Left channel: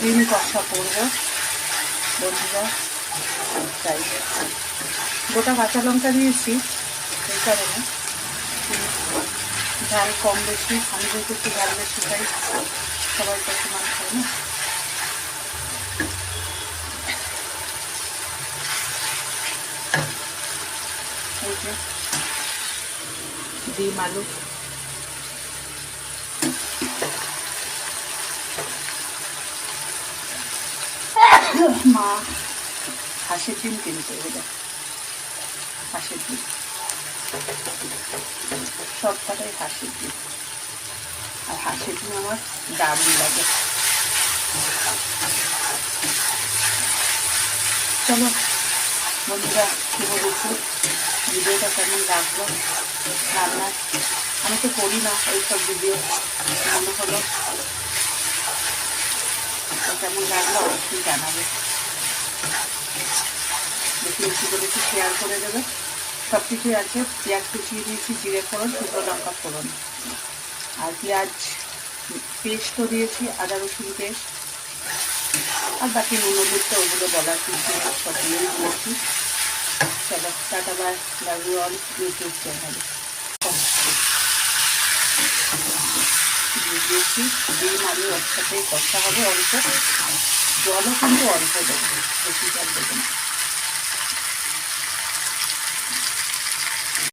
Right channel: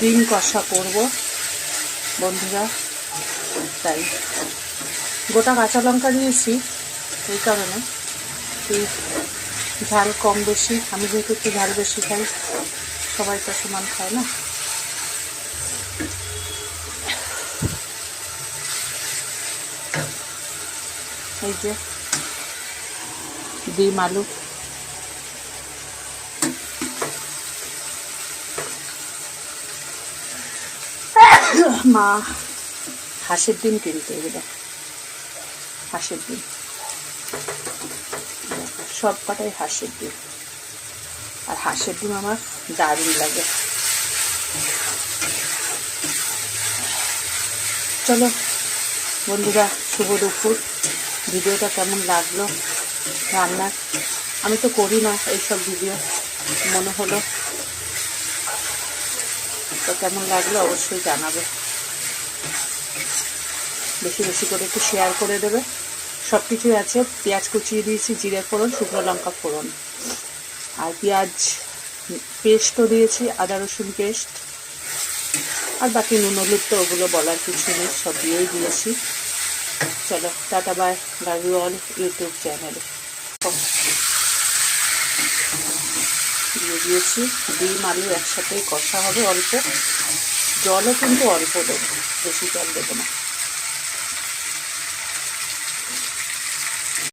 ডিম কষা করব বন্ধুরা, তাই গোটা কাঁচা লঙ্কা দিয়েছি এই কারণে, ঝাল কম বেশি, আমি যেহেতু একটু ঝাল বেশি খাই, সবাই তো সমান খায় না। এই যে ডিম আলু, মা হাঁসের ডিম কিনতে এগুলো, হাঁসের ডিম সব কটাই হাঁসের ডিম, আর হাঁসের ডিম আমার দারুণ লাগে। চলো বন্ধুরা, শুভ দুপুর। ভিডিওটা কেমন লাগলো রান্নার, আমি তো করি না এইসব ভিডিও, মনে হলো তো কেমন লাগলো অবশ্যই জানাবে, বেশি বেশি করে একটু শেয়ার করে দেবে। সব কিছুই আছে, পেঁয়াজ কুচিয়ে দিয়েছি, জিরে ফোড়ন, শুকনো লঙ্কা ফোড়ন, আর পেঁয়াজ পেস্টও দিয়েছি, আদা রসুন পেস্ট, আর বাকি নুন হলুদ তো ওগুলো বলার কিছু নেই, সব দিয়েই দিয়েছি। চলো tata, bye, love you all YouTube চ্যানেলে। দিয়ে দিয়েছি ডিম আলু একসাথে কষা হবে, অল্প জলও কিন্তু অল্প দেবো, বেশি জল দেবো না।